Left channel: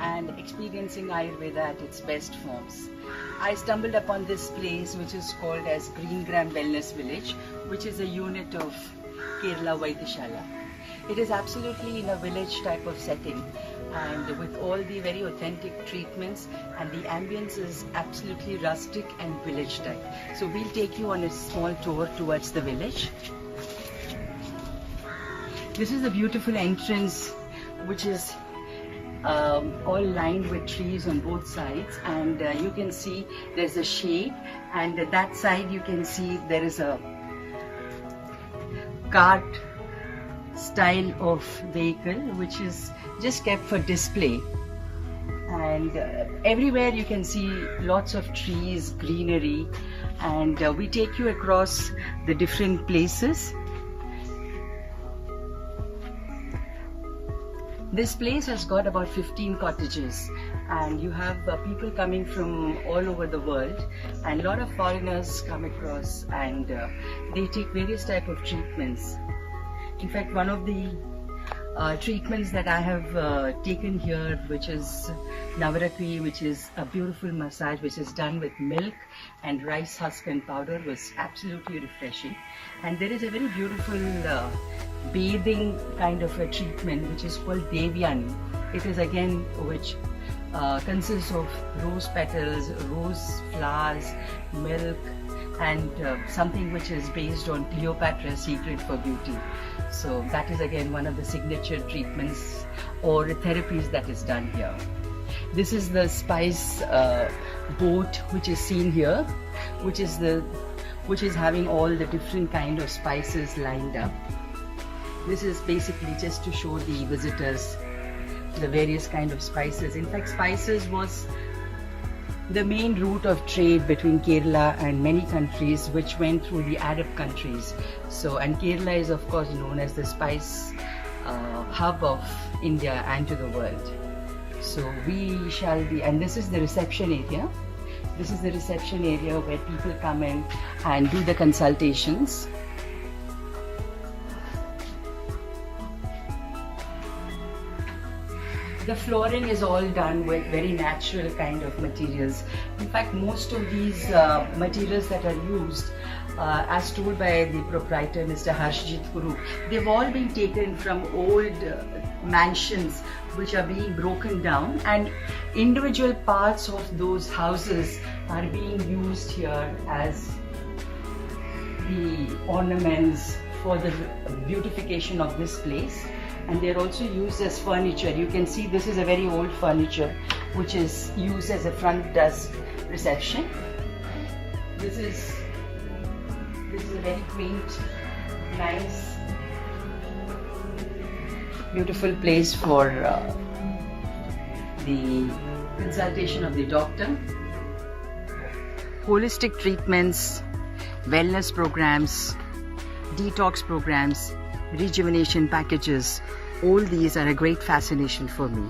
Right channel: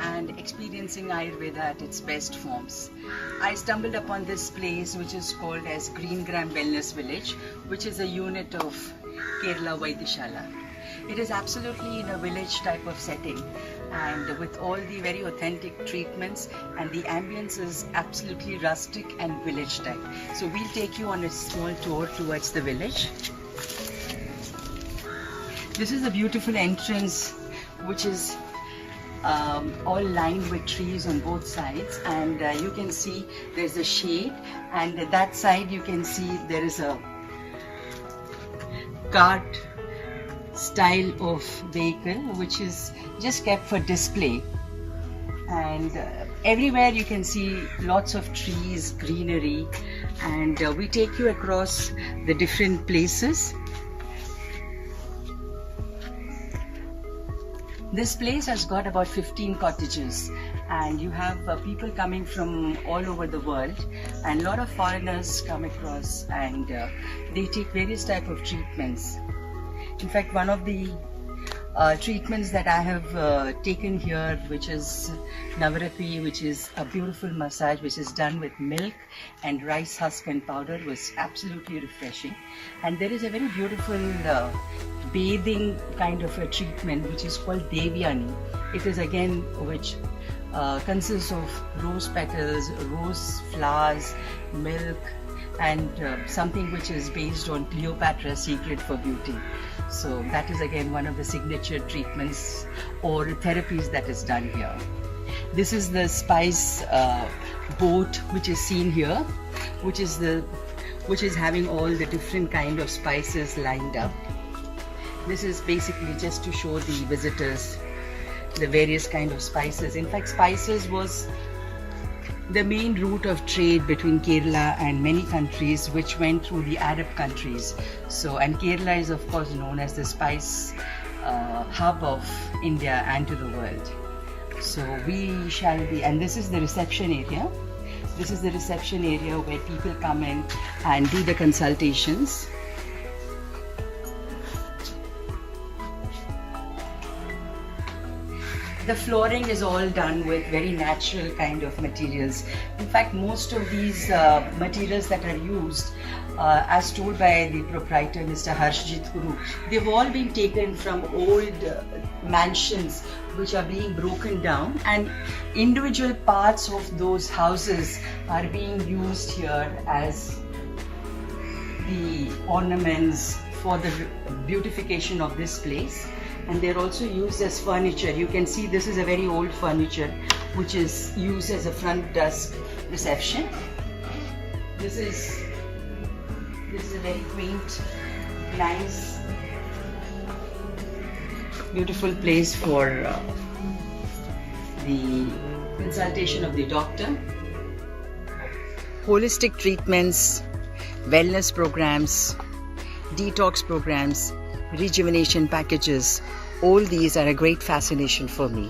and experiencing Ayurveda at its best forms. I stumbled upon this place which is called as Green Gram Wellness Village, which is a unit of Kerala Vaidyashala. It is absolutely in a village type of setting, and with all the very authentic treatments, and the ambience is absolutely rustic and village type. So we'll take you on a small tour towards the village. This is a beautiful entrance which is all lined with trees on both sides, and you can see there's a shade, and that side you can see there is a cart style of vehicle which is just kept for display, and everywhere you can see lots of trees, greenery, and we take you across the different places. This place has got about 15 cottages, and you have people coming from all over the world, and a lot of foreigners come across, and they take various type of treatments. In fact, one of the treatments that I have taken here, which is Navaratri, which is a beautiful massage which is done with milk and rice husk and powder, was absolutely refreshing. And there is a very beautiful bathing kind of a treatment which is called Devyani. It is again which consists of rose petals, rose flowers, milk, and something which is based on Cleopatra's Secret for Beauty. So that is again one of the signature treatments or therapies that is done here. This is the spice boat which is seen here, which is having all the different kind of spices lined up. This is basically just to show the visitors the various kind of spices. In fact, spices was the main route of trade between Kerala and many countries which went through the Arab countries. So, and Kerala is of course known as the spice hub of India and to the world. So we shall be, and this is the reception area. This is the reception area where people come in and do the consultations. The flooring is all done with very natural kind of materials. In fact, most of these materials that are used, as told by the proprietor, Mr. Harshjit Kuru, they've all been taken from old mansions which are being broken down, and individual parts of those houses are being used here as the ornaments for the beautification of this place. And they're also used as furniture. You can see this is a very old furniture which is used as a front desk reception. This is a very quaint, nice, beautiful place for the consultation of the doctor. Holistic treatments, wellness programs, detox programs, rejuvenation packages, all these are a great fascination for me.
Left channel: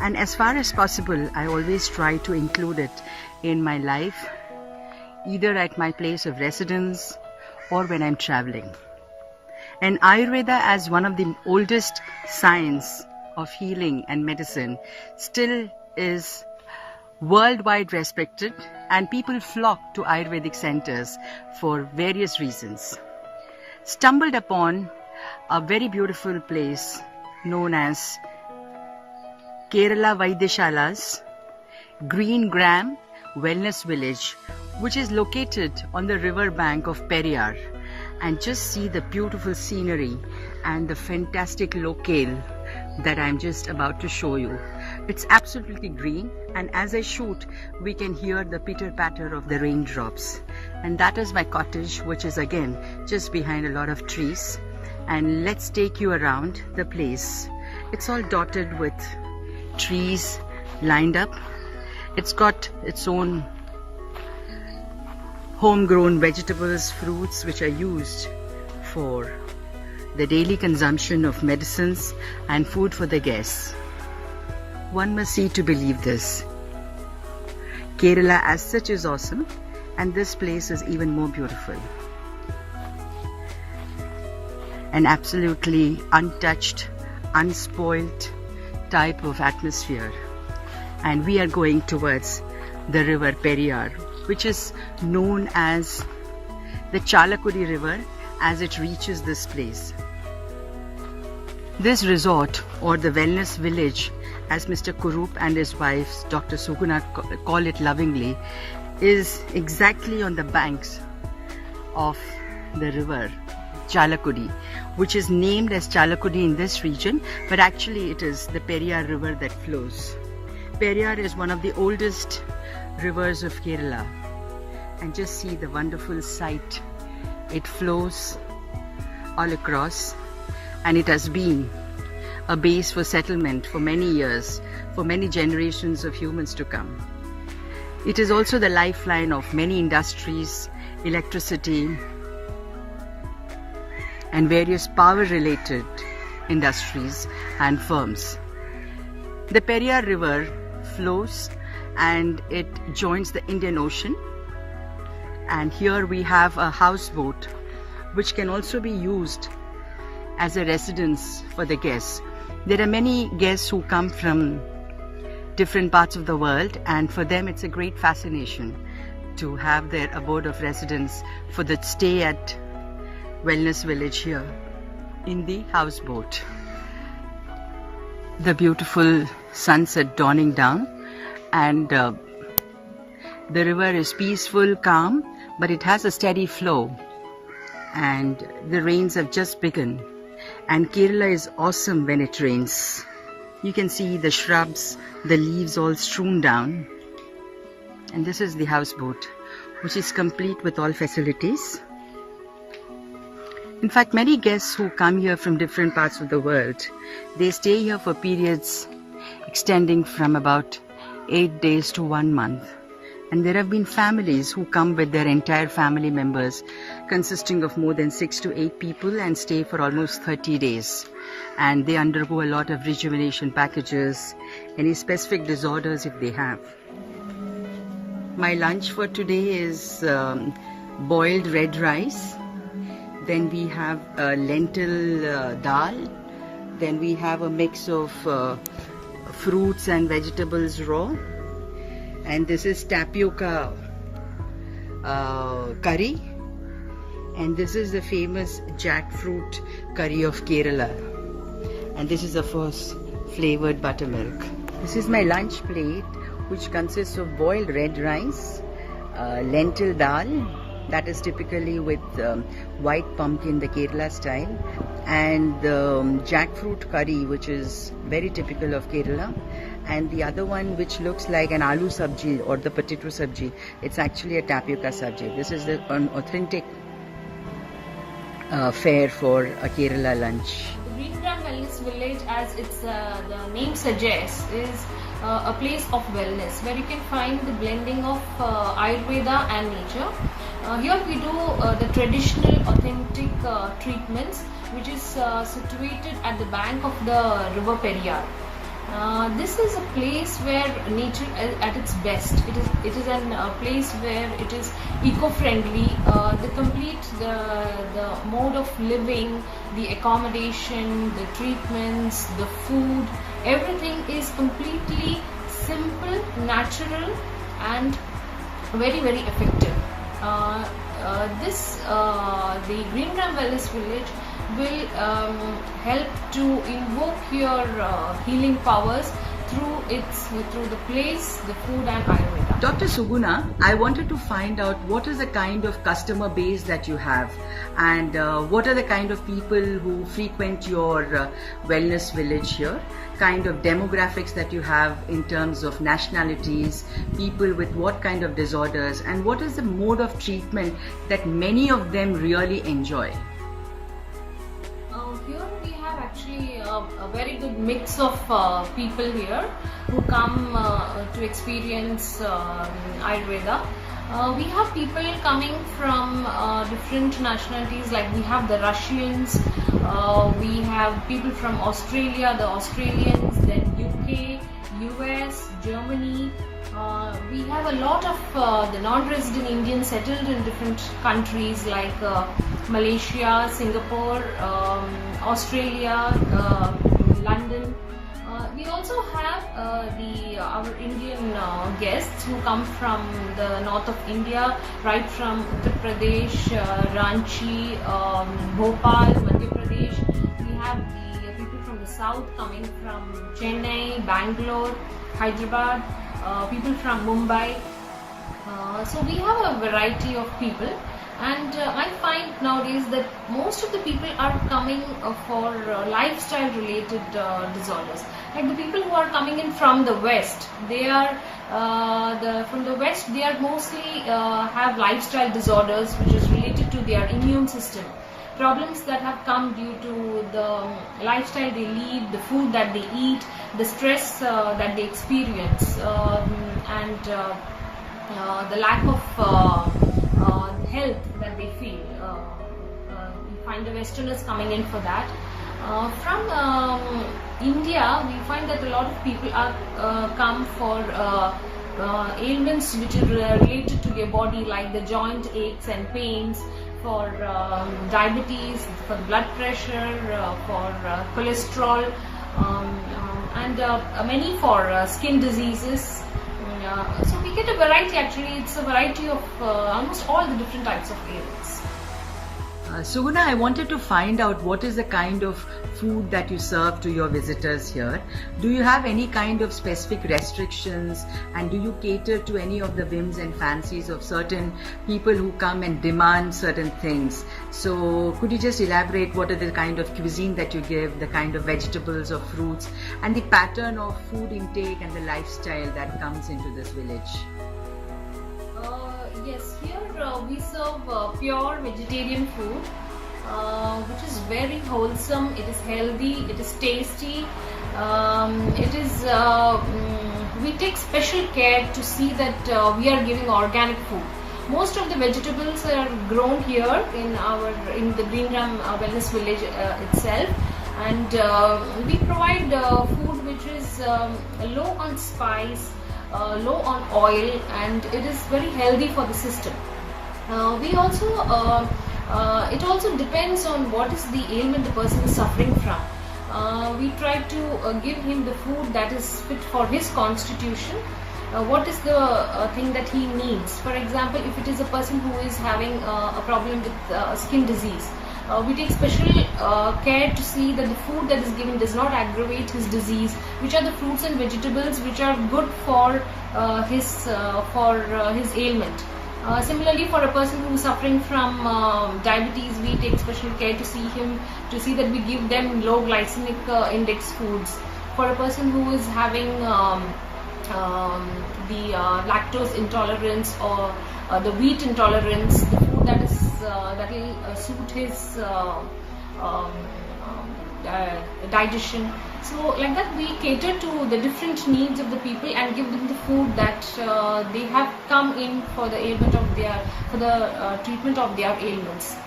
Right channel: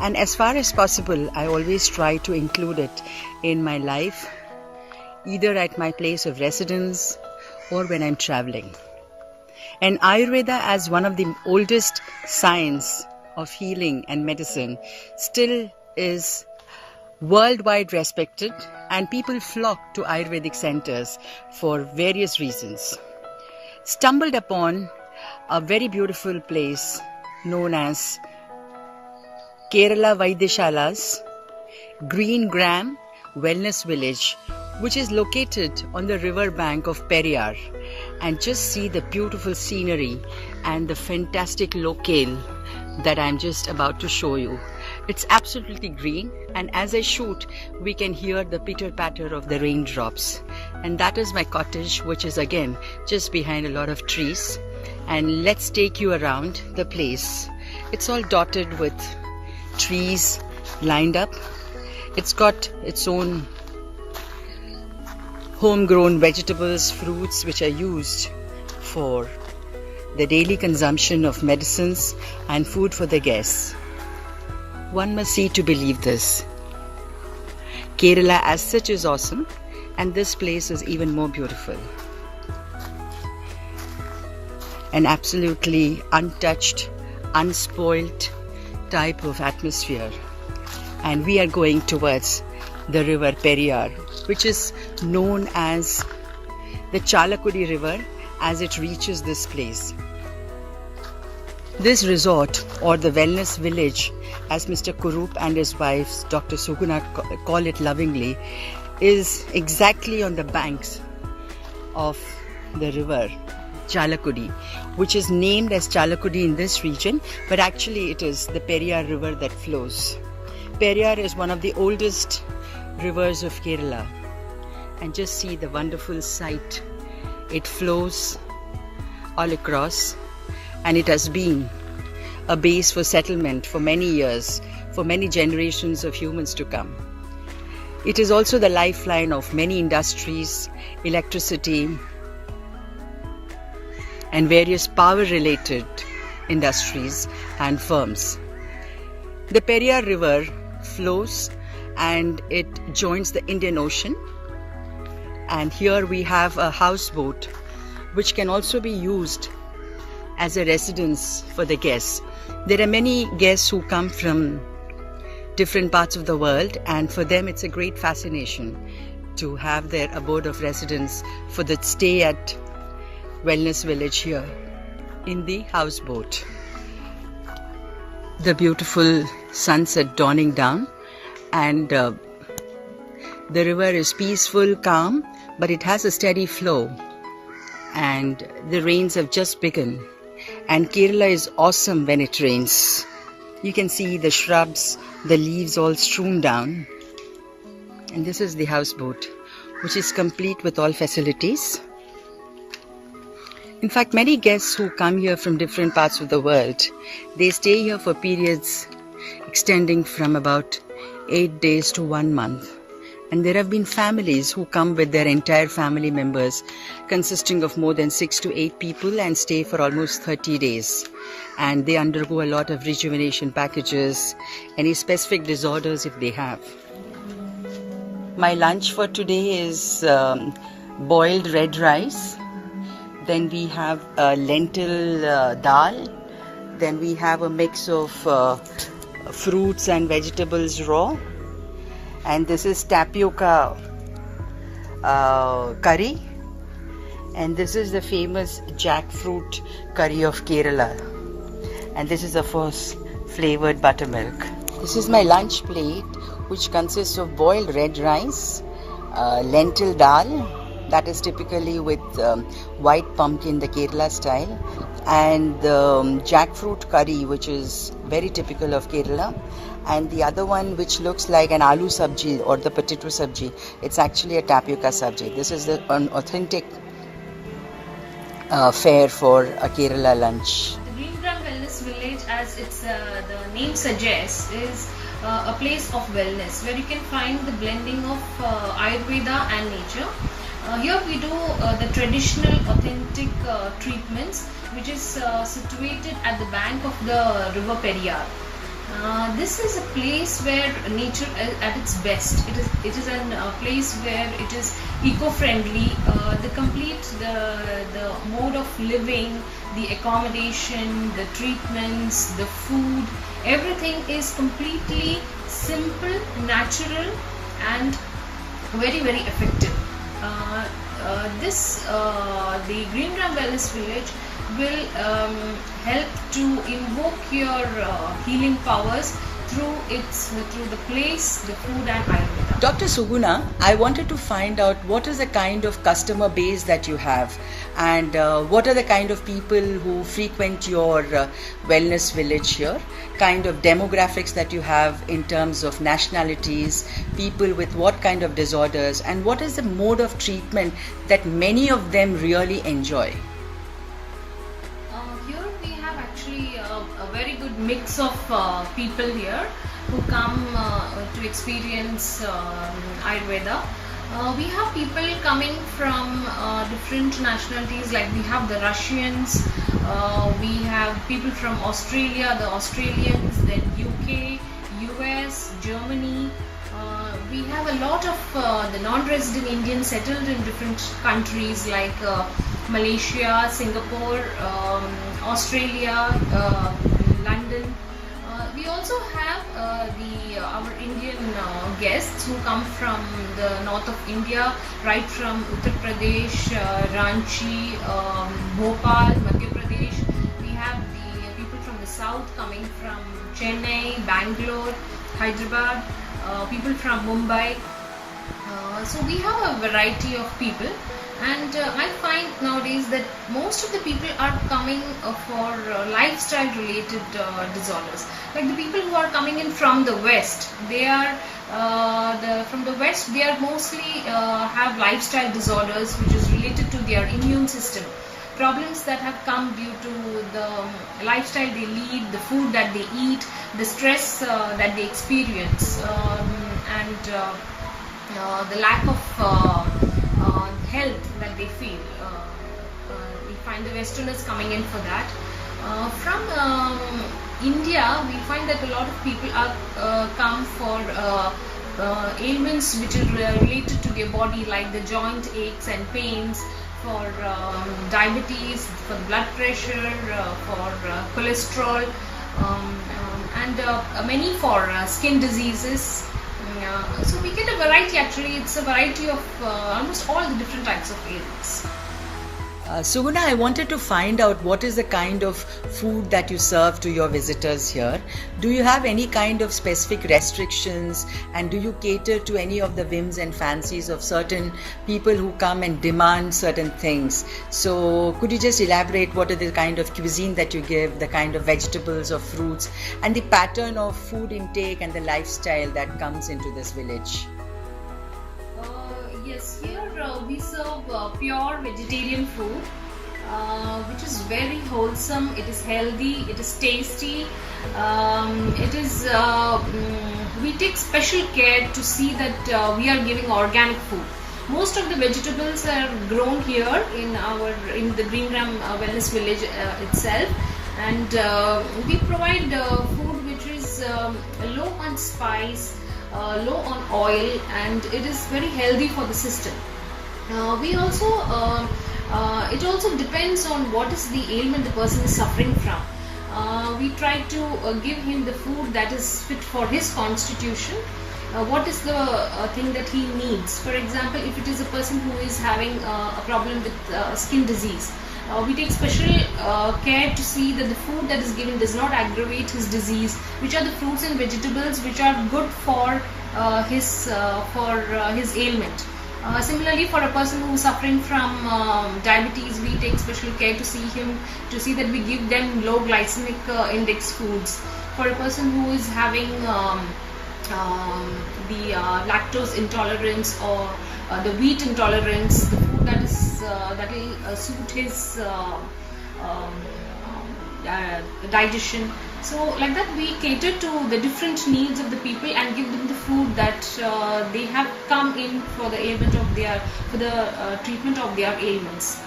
And as far as possible, I always try to include it in my life, either at my place of residence or when I'm traveling. And Ayurveda, as one of the oldest science of healing and medicine, still is worldwide respected, and people flock to Ayurvedic centers for various reasons. Stumbled upon a very beautiful place known as Kerala Vaidyashala's Green Gram Wellness Village, which is located on the river bank of Periyar. And just see the beautiful scenery and the fantastic locale that I'm just about to show you. It's absolutely green, and as I shoot, we can hear the pitter-patter of the raindrops. And that is my cottage, which is again just behind a lot of trees. And let's take you around the place. It's all dotted with trees lined up. It's got its own homegrown vegetables, fruits which are used for the daily consumption of medicines and food for the guests. One must see to believe this. Kerala as such is awesome, and this place is even more beautiful. An absolutely untouched, unspoilt type of atmosphere and we are going towards the river Periyar, which is known as the Chalakudi River as it reaches this place. This resort, or the wellness village, as Mr. Kurup and his wife Dr. Suguna call it lovingly, is exactly on the banks of the river Chalakudi, which is named as Chalakudi in this region, but actually it is the Periyar river that flows. Periyar is one of the oldest rivers of Kerala, and just see the wonderful sight. It flows all across, and it has been a base for settlement for many years, for many generations of humans to come. It is also the lifeline of many industries, electricity, and various power-related industries and firms. The Periyar River flows and it joins the Indian Ocean, and here we have a houseboat which can also be used as a residence for the guests. There are many guests who come from different parts of the world, and for them it's a great fascination to have their abode of residence for the stay at Wellness Village here in the houseboat. The beautiful sunset dawning down, and the river is peaceful, calm, but it has a steady flow, and the rains have just begun, and Kerala is awesome when it rains. You can see the shrubs, the leaves all strewn down, and this is the houseboat, which is complete with all facilities. In fact, many guests who come here from different parts of the world, they stay here for periods extending from about 8 days to 1 month. And there have been families who come with their entire family members, consisting of more than 6 to 8 people, and stay for almost 30 days. And they undergo a lot of rejuvenation packages, any specific disorders if they have. My lunch for today is boiled red rice. Then we have lentil dal. Then we have a mix of fruits and vegetables raw. And this is tapioca curry. And this is the famous jackfruit curry of Kerala. And this is, of course, flavored buttermilk. This is my lunch plate, which consists of boiled red rice, lentil dal, that is typically with white pumpkin, the Kerala style, and jackfruit curry, which is very typical of Kerala, and the other one which looks like an aloo sabji or the potato sabji, it's actually a tapioca sabji. This is an authentic fare for a Kerala lunch. The Greengram Wellness Village, as its the name suggests, is a place of wellness where you can find the blending of Ayurveda and nature. Here we do the traditional authentic treatments, which is situated at the bank of the river Periyar. This is a place where nature at its best. It is a place where it is eco-friendly. The mode of living, the accommodation, the treatments, the food, everything is completely simple, natural, and very, very effective. The Greengram Wellness Village will help to invoke your healing powers through the place, the food, and Ayurveda. Dr. Suguna, I wanted to find out what is the kind of customer base that you have, and what are the kind of people who frequent your wellness village here, kind of demographics that you have in terms of nationalities, people with what kind of disorders, and what is the mode of treatment that many of them really enjoy. Here we have actually a very good mix of people here who come to experience Ayurveda. We have people coming from different nationalities, like we have the Russians, we have people from Australia, the Australians, then UK, US, Germany. We have a lot of the non-resident Indians settled in different countries like Malaysia, Singapore, Australia, London. We also have our Indian guests who come from the north of India, right from Uttar Pradesh, Ranchi, Bhopal, Madhya Pradesh. We have the people from the south coming from Chennai, Bangalore, Hyderabad, people from Mumbai. So we have a variety of people, and I find nowadays that most of the people are coming for lifestyle related disorders. Like the people who are coming in from the west, they are from the west, they are mostly have lifestyle disorders which is related to their immune system, problems that have come due to the lifestyle they lead, the food that they eat, the stress that they experience, and the lack of health that they feel. We find the Westerners coming in for that. From India, we find that a lot of people are come for ailments which are related to their body, like the joint aches and pains, for diabetes, for the blood pressure, for cholesterol, and many for skin diseases. So we get a variety, actually it's a variety of almost all the different types of ailments. Suguna, I wanted to find out what is the kind of food that you serve to your visitors here. Do you have any kind of specific restrictions, and do you cater to any of the whims and fancies of certain people who come and demand certain things? So could you just elaborate what are the kind of cuisine that you give, the kind of vegetables or fruits, and the pattern of food intake and the lifestyle that comes into this village? Yes, here we serve pure vegetarian food, which is very wholesome. It is healthy, it is tasty, it is we take special care to see that we are giving organic food. Most of the vegetables are grown here in the Greengram Wellness Village itself, and we provide food which is low on spice, low on oil, and it is very healthy for the system. We also it also depends on what is the ailment the person is suffering from. We try to give him the food that is fit for his constitution. What is the thing that he needs? For example, if it is a person who is having a problem with skin disease, we take special care to see that the food that is given does not aggravate his disease, which are the fruits and vegetables which are good for his ailment. Similarly, for a person who is suffering from diabetes, we take special care to see that we give them low glycemic index foods. For a person who is having the lactose intolerance or the wheat intolerance, the food that will suit his digestion. So like that, we cater to the different needs of the people and give them the food that they have come in for the treatment of their ailments.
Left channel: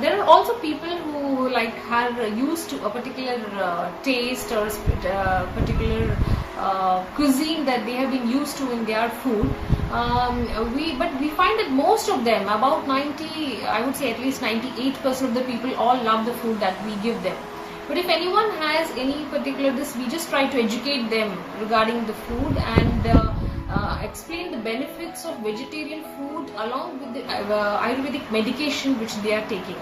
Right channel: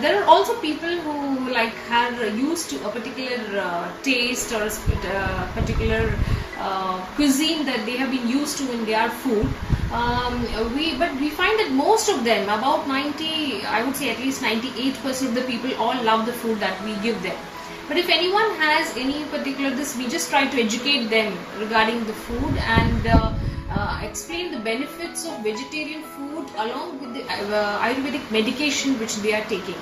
There are also people who are used to a particular taste or a particular cuisine that they have been used to in their food. But we find that most of them, about 90, I would say at least 98% of the people all love the food that we give them. But if anyone has any particular we just try to educate them regarding the food and explain the benefits of vegetarian food along with the Ayurvedic medication which they are taking.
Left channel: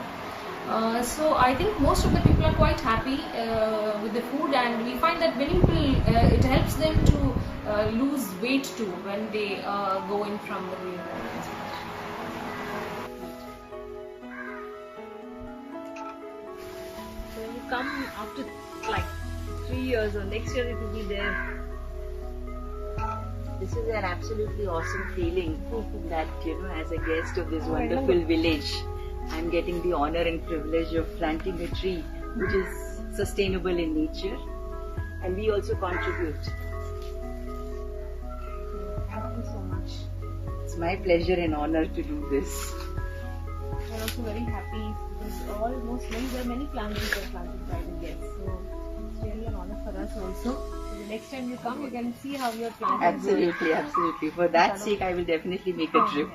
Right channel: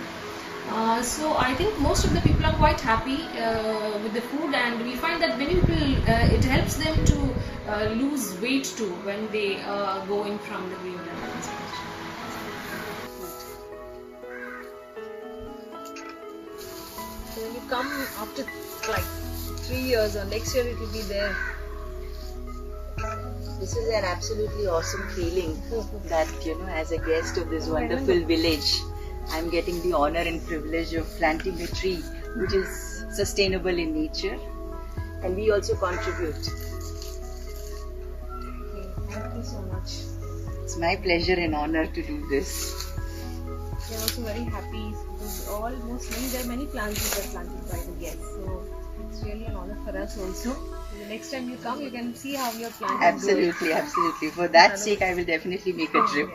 So I think most of the people are quite happy with the food, and we find that many people, it helps them to lose weight too when they go in from the weight management. So you come after like 3 years, or next year it will be there. This is an absolutely awesome feeling that, as a guest of this wonderful village, I'm getting the honor and privilege of planting a tree which is sustainable in nature, and we also contribute. Thank you so much. It's my pleasure and honor to do this. We're also very happy because there are many plants that are planted by the guests, so it's really an honor for us also. The next time you come, you can see how your plant is Absolutely. For that sake, I will definitely make a trip.